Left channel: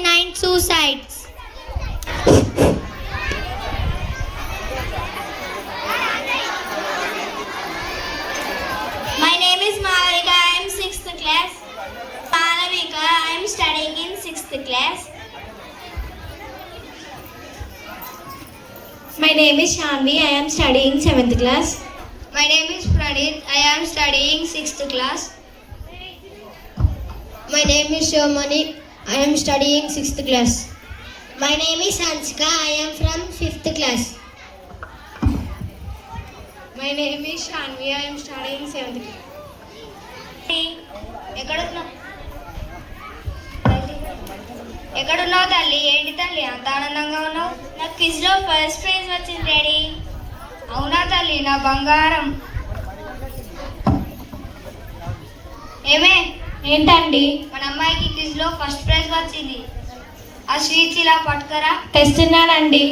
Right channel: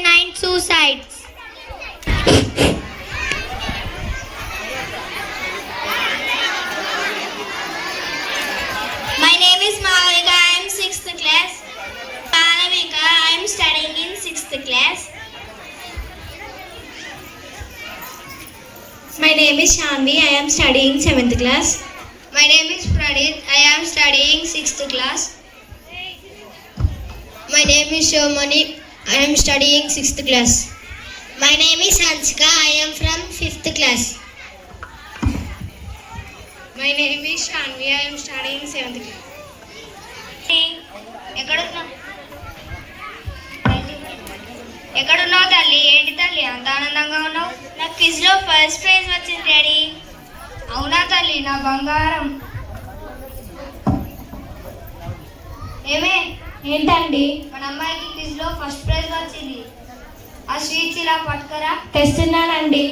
9 suicides. My name is Malavika. I am 6th class. Malavika. I am studying in 6th class. My name is Shanvi. I am studying 7th class. My name is Pradit. I am studying 6th class. My name is Shomani. I am studying 6th class. My name is Hanska. I am from 5th class. My name is Shanvi. I am studying 7th class. ఎక్కడున్నావు తల్లి? ఏంటి తల్లి అంత ఆనందంగా ఉన్నావు? నాకు క్విజ్లో first prize వచ్చింది daddy. అవునా తల్లి, నా బంగారం. ఏమే ఏంటండి? మన అమ్మాయికి క్విజ్లో ఫస్ట్ ప్రైజ్ వచ్చింది. ఆ స్వీట్స్ ఇలా పట్టుకరా. తెస్తున్నానండి.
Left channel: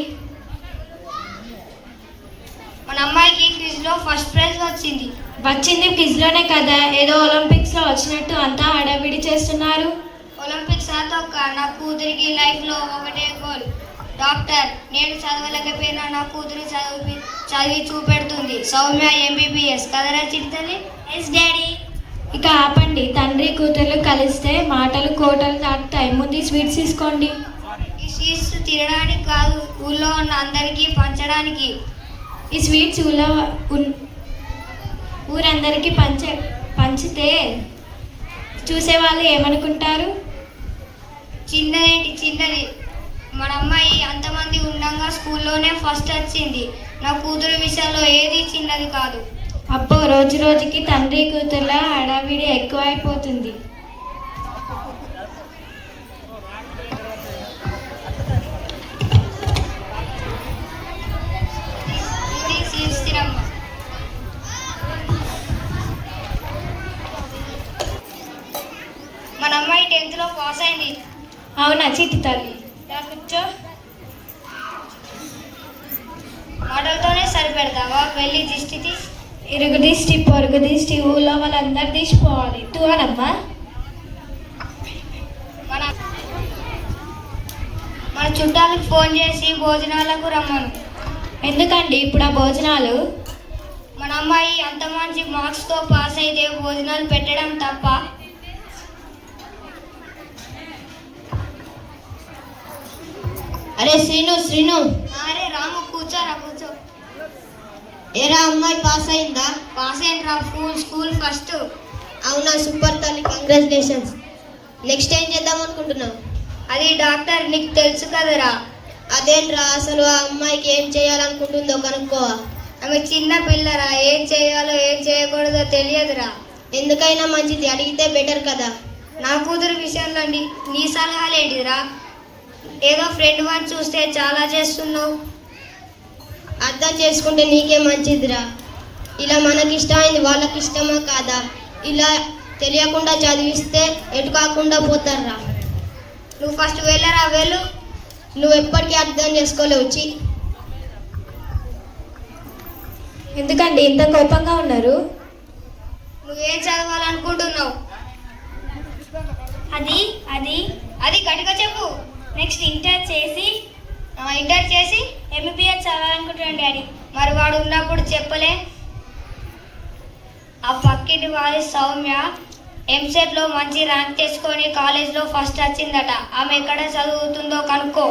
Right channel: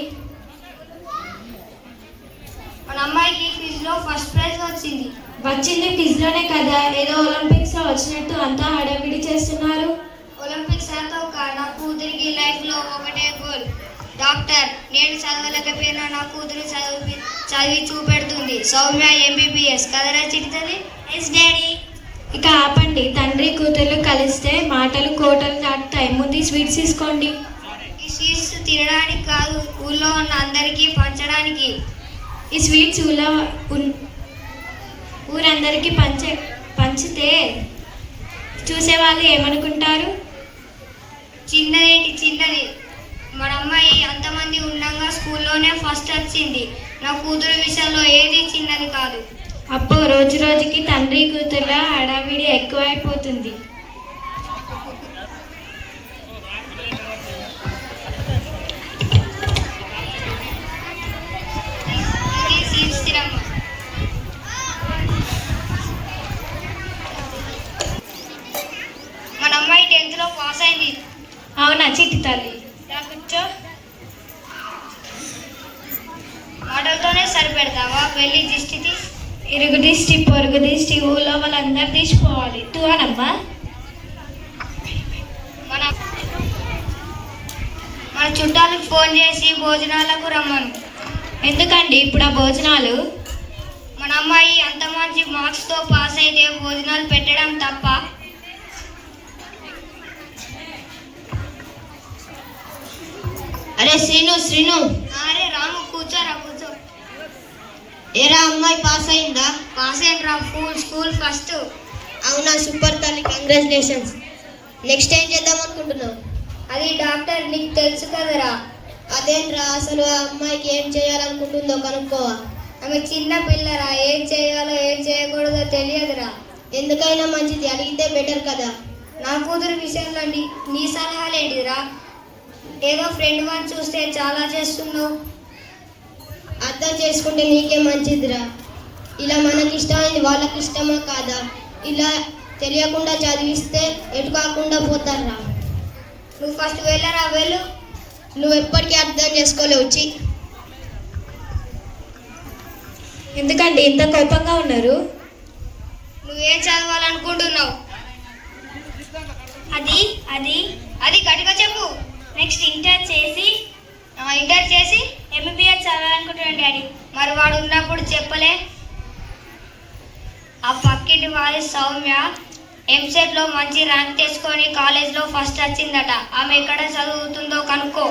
మన అమ్మాయికి క్విజ్లో ఫస్ట్ ప్రైజ్ వచ్చింది. వచ్చింది క్విజ్లోనే కదా, ఏదో ఒలింపిక్స్లో వచ్చినట్టు అంతా హడావిడి చేస్తున్నారు. ఒలింపిక్స్ తొక్క. నా కూతురికి లైఫ్లో ఒకటే గోల్, డాక్టర్. నేను చదవలేకపోయినా నా కూతురు చదివి చూపెడుతుంది. సౌమ్య ఎంబీబీఎస్ కదరా చిడుతుంది. Yes daddy. ఇక ఆపండి. తండ్రి కూతుర్లు కలిస్తే మాటలు కోటలు దాటుతాయి. ముందు స్వీట్స్ తీసుకోండి. ఈ స్వీట్స్ తినడానికి కాదు, ఊళ్ళో ఉన్న అందరికీ పంచడానికి. ఈ స్వీట్స్ ఊరందరికీ పంచితే చూసేవాళ్ళు ఏమనుకుంటారు? చిన్నది. మన అమ్మాయి అంతమంది ఉండగా స్కూల్లోనే ఫస్ట్ వచ్చింది. నా కూతురు విషయంలో ఏది చిన్నది కాదు. అప్పో రోజు రోజుకి తండ్రి కూతుర్ల హడావిడి ఎక్కువైపోతుంది. మన అమ్మాయి 10th పాస్ అయింది. అవునా చిట్టి తల్లి? కూర్చో. మాటలతోనే సరిపెడతావా? వెళ్ళి దిష్టి తీసి. ఇరుగు దిష్టి పొరుగు దిష్టి ఊళ్ళో వాళ్ళందరూ తీసిపోవాలి. తూనమ్మా. మన చుట్టాలకు ఫోన్ చేసి భోజనాలకు రమ్మను. ఎందుకండి ఇప్పుడు ఆ భోజనాలు? మన అమ్మాయి అంత మంచి మార్క్స్తో పాస్ అయితే భోజనాలు పెట్టడం తప్ప? అరే శ్రీను. అరే రాము, కూర్చో. ఏరా అమ్మాయి పాస్ అయిందా? పాస్ అయిందిరా, స్కూల్ ఫస్ట్. అవునా, సూపర్ తల్లి, కంగ్రాచులేషన్స్. నెక్స్ట్ ఏం చేద్దాం అనుకుంటున్నావు? అది డాక్టర్, నీకు తెలుసు కదరా. అదేంట్రా, అసలు ఆ అమ్మాయికి ఏం చేయాలనుకుంటుందో కనుక్కో. ఆమె చిన్న పిల్లరా, ఏం చేయాలో ఏం చేయకూడదో తెలియదురా. ఎందుకైనా మంచిది అడిగితే బెటర్ కదా. నా కూతురు విషయంలో నీ సలహాలు ఏంటిదిరా? ఏదో ఫ్రెండ్ వన్ చూస్తే చాలా చేస్తున్నావు. అర్థం చేసుకుంటే నీకే మంచిదిరా. ఇలా మనకి ఇష్టమైంది వాళ్ళకి ఇష్టమా కాదా? ఇలా తెలియకుండా చదివిస్తే ఎటు కాకుండా పోతారా. నువ్వు ఫస్ట్ వెళ్ళరా, వెళ్ళు. నువ్వు ఎప్పటికీ అర్థం చేసుకోలేవు. ఎందుకండి ఇంత కోపంగా ఉన్నారు? నువ్వేం చదవాలనుకుంటున్నావు? అది గట్టిగా చెప్పు. నెక్స్ట్ ఇంటర్ చేసి ఎంబీబీఎస్ చదవాలనుకుంటున్నాను డాడీ. మరి వాడు ఉన్నప్పుడు చెప్పలే. ఆ పక్కింటి వారి సౌమ్య ఎంసెట్లో మంచి ర్యాంక్ తెచ్చుకొని కాలేజ్లో ఫస్ట్ వచ్చిందట. ఆమె ఎక్కడ చదువుతుందో కనుక్కో.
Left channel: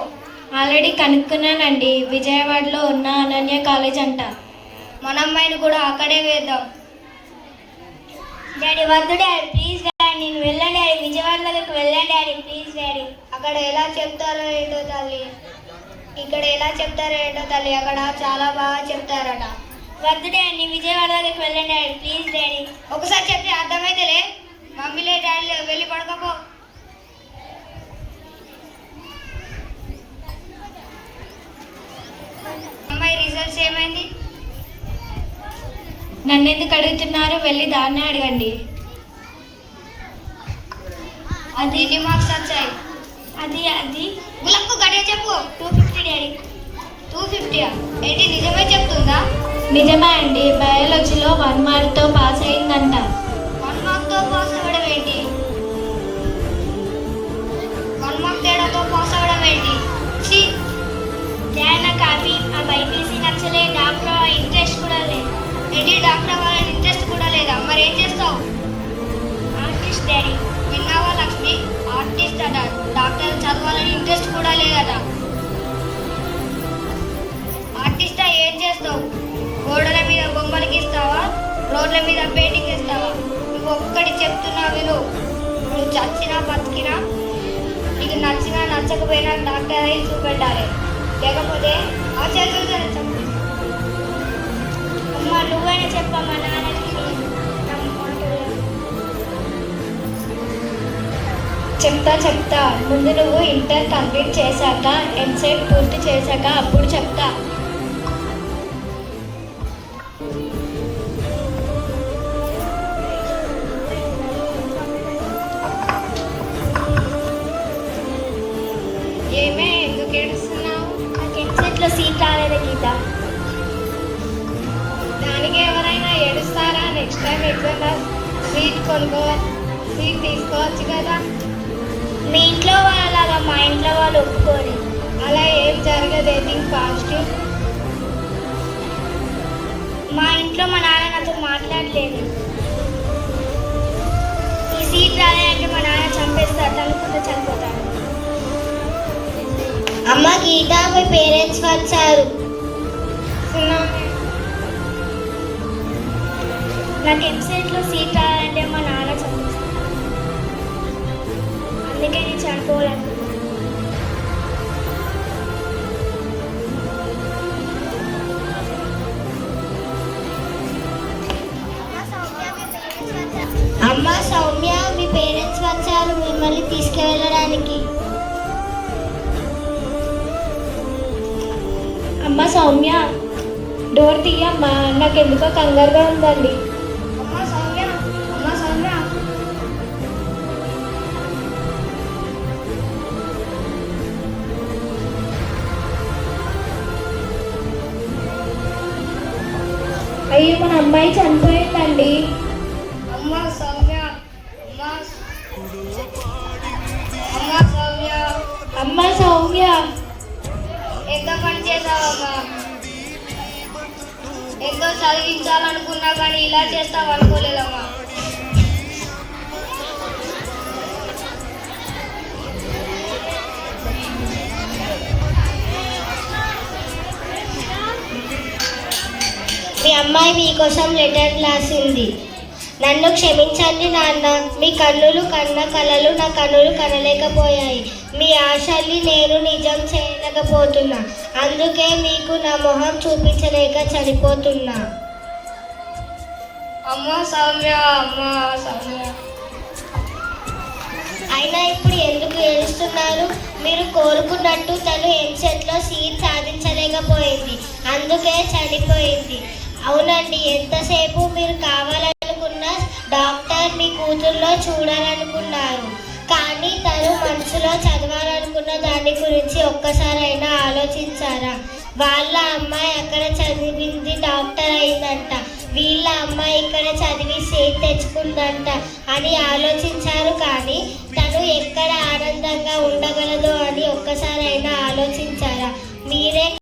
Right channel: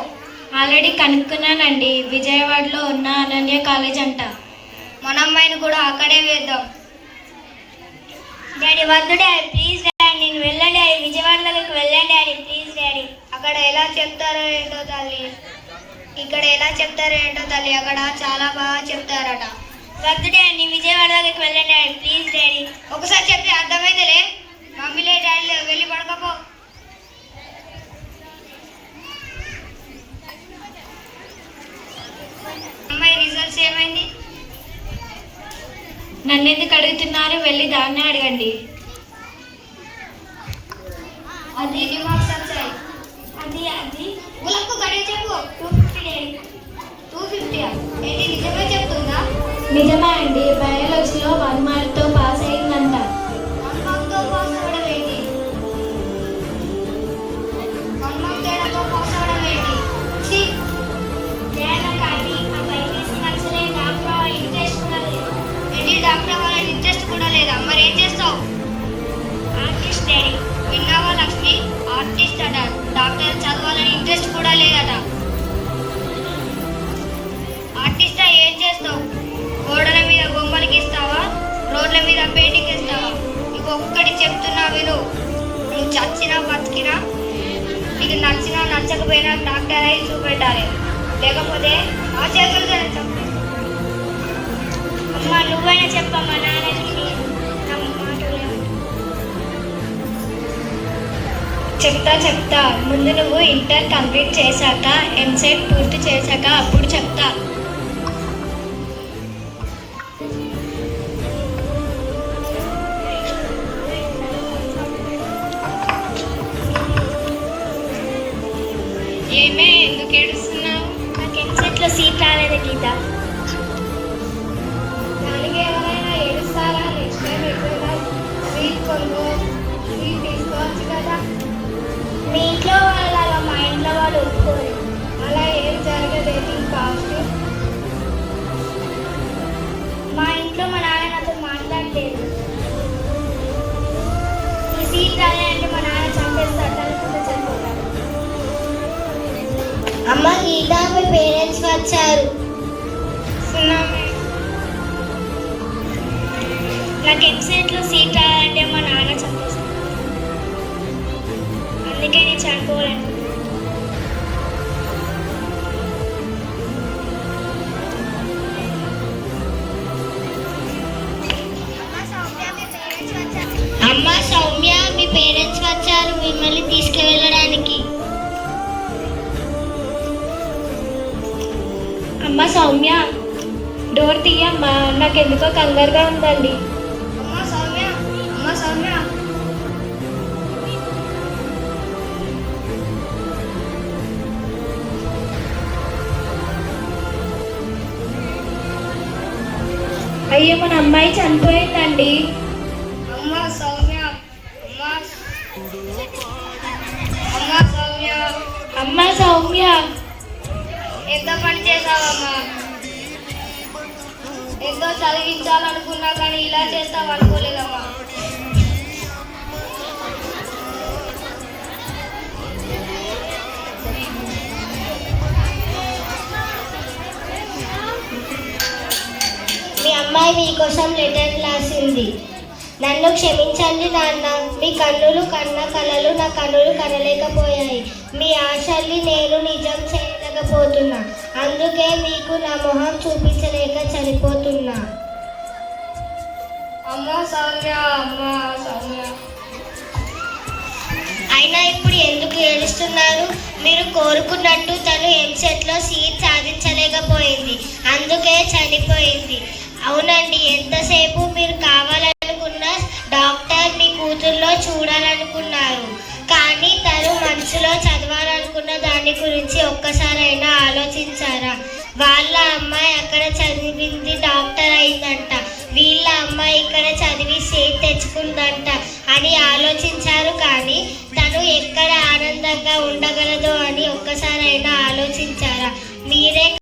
ఆల్రెడీ కనుక్కున్నానండి. విజయవాడలో ఉన్న అనన్య కాలేజ్ అంట. మన అమ్మాయిని కూడా అక్కడే వేద్దాం. డాడీ వద్దు డాడీ, ప్లీజ్ డాడీ, నేను వెళ్ళండి డాడీ, విజయవాడలోకి వెళ్ళండి డాడీ, ప్లీజ్ డాడీ. అక్కడ ఎలా చెప్తారో ఏంటో తల్లి, ఇక్కడ ఎలా చెప్తారో ఏంటో తల్లి, అక్కడ చాలా బాగా చెప్తారట. వద్దు డాడీ, నేను విజయవాడలోకి వెళ్ళండి డాడీ, ప్లీజ్ డాడీ. ఒకసారి చెప్తే అర్థమైతేలే. మమ్మీలే డాడీ వెళ్ళి పడకపో. అమ్మాయి రిజల్ట్స్ ఏమైంది? నన్ను ఎందుకు అడుగుతున్నారు? వెళ్ళి దాన్నే అడగండి. అది ఎన్ని మార్క్స్ వచ్చాయి? అది గులక్కు గడియ చెప్పు. 250 డాడీ. 250? ఏంటి నిజమే చెప్తుందా? నిజమే అండి. బయాలజీలో 1 మార్క్తో పాస్ అయిందంట. 1 మార్క్తో పాస్ అవ్వడం ఏంటి? 1 మార్క్ తేడాతో చెప్తున్నా విను. నువ్వు చచ్చినా బతికినా నీకు నచ్చినా నచ్చకపోయినా డాక్టర్ అయి చూపెట్టాలి, లేకపోతే ఆ చేతులతో చంపేస్తాను. అమ్మ నువ్వైనా చెప్పమ్మా నాన్నకి నా మాట విను. చెప్తా ముందు నువ్వు ఇంటర్ కంప్లీట్ చేశాక ఎంసెట్ పూర్తి చేశాక అప్పుడు చెప్తా. ఏమే ఎందుకు ఏడుస్తున్నావు? నాకు ఎంసెట్లో సీట్ రాలేదు గీత. దానికి ఎవరైనా ఏడుస్తారా? నెక్స్ట్ టైం ఎప్పుడైనా స్వీట్ తీసుకోవచ్చు కదా. మీ ఇంట్లో వాళ్ళు అలా, మా ఇంట్లో వాళ్ళు ఒప్పుకోరు. అలా ఏం జరగదు. Think positive. మా ఇంట్లో మా నాన్న నాతో మాట్లాడలేదు. ఈ సీట్ రాలేదంటే మా నాన్న చంపేస్తాడు, అనుకుంటే చనిపోతాడు. అమ్మ గీత, మీ పేరెంట్స్ వచ్చారు. నాకు ఎంసెట్లో సీట్ రావాలంటే మా నాన్న చంపేస్తాడు, అందుకే నేను చనిపోవాలను. అమ్మ సౌమ్య, మీ పేరెంట్స్ వచ్చారు మిమ్మల్ని తీసుకువెళ్ళడానికి. అమ్మ సౌమ్య, డోర్ తీయమ్మా, నాకెందుకో కంగారుగా ఉందండి. అమ్మ సౌమ్య, అమ్మ సౌమ్య. అయ్యో మన అమ్మాయి చనిపోయిందండి. అమ్మ సౌమ్య, అమ్మ అమ్మ సౌమ్య. అమ్మ సౌమ్య, ఎంత పని చేసావమ్మా? ఎంతో చదివించాలనుకున్నా కానీ ఇలా చేస్తావు అనుకోలేదమ్మా. మీ అమ్మాయి మీకోసం లెటర్ రాసింది. నన్ను క్షమించండి నాన్న, మీ కన్నులు కన్న కలలు నా కన్నులు కనలేకపోయాయి. మీ ఆశల్ని నేను నిజం చేయలేకపోతున్నా, అందుకే మీకు నా మొహం చూపించలేక చనిపోతున్నా. అమ్మ సౌమ్య, అమ్మ సౌమ్య. అయినా ఇప్పుడు ఎందుకు ఏడుస్తున్నారు? మీరు కోరుకున్నట్టు తను ఎంసెట్లో సీట్ సాధించలేకపోయింది, అందుకే చనిపోయింది. అవునండి, ఎంతసేపు మీరు కావాలనుకున్న డాక్టర్ మీ కూతుర్లో చూడాలనుకున్నారు, కానీ తను మనసులో చదవాలనుకున్న దాని గురించి ఒక్కసారైనా ఆలోచించారా? వాళ్ళ అమ్మాయి అక్కడ చదివింది డాక్టర్ అయిందంట, వీళ్ళ అమ్మాయి ఇక్కడ చదివి సీట్ తెచ్చుకుందంట అని ఆలోచించారు, కానీ తను ఎక్కడ ఆనందంగా ఉండగలదో అని ఒక్కసారైనా ఆలోచించారా? మీరే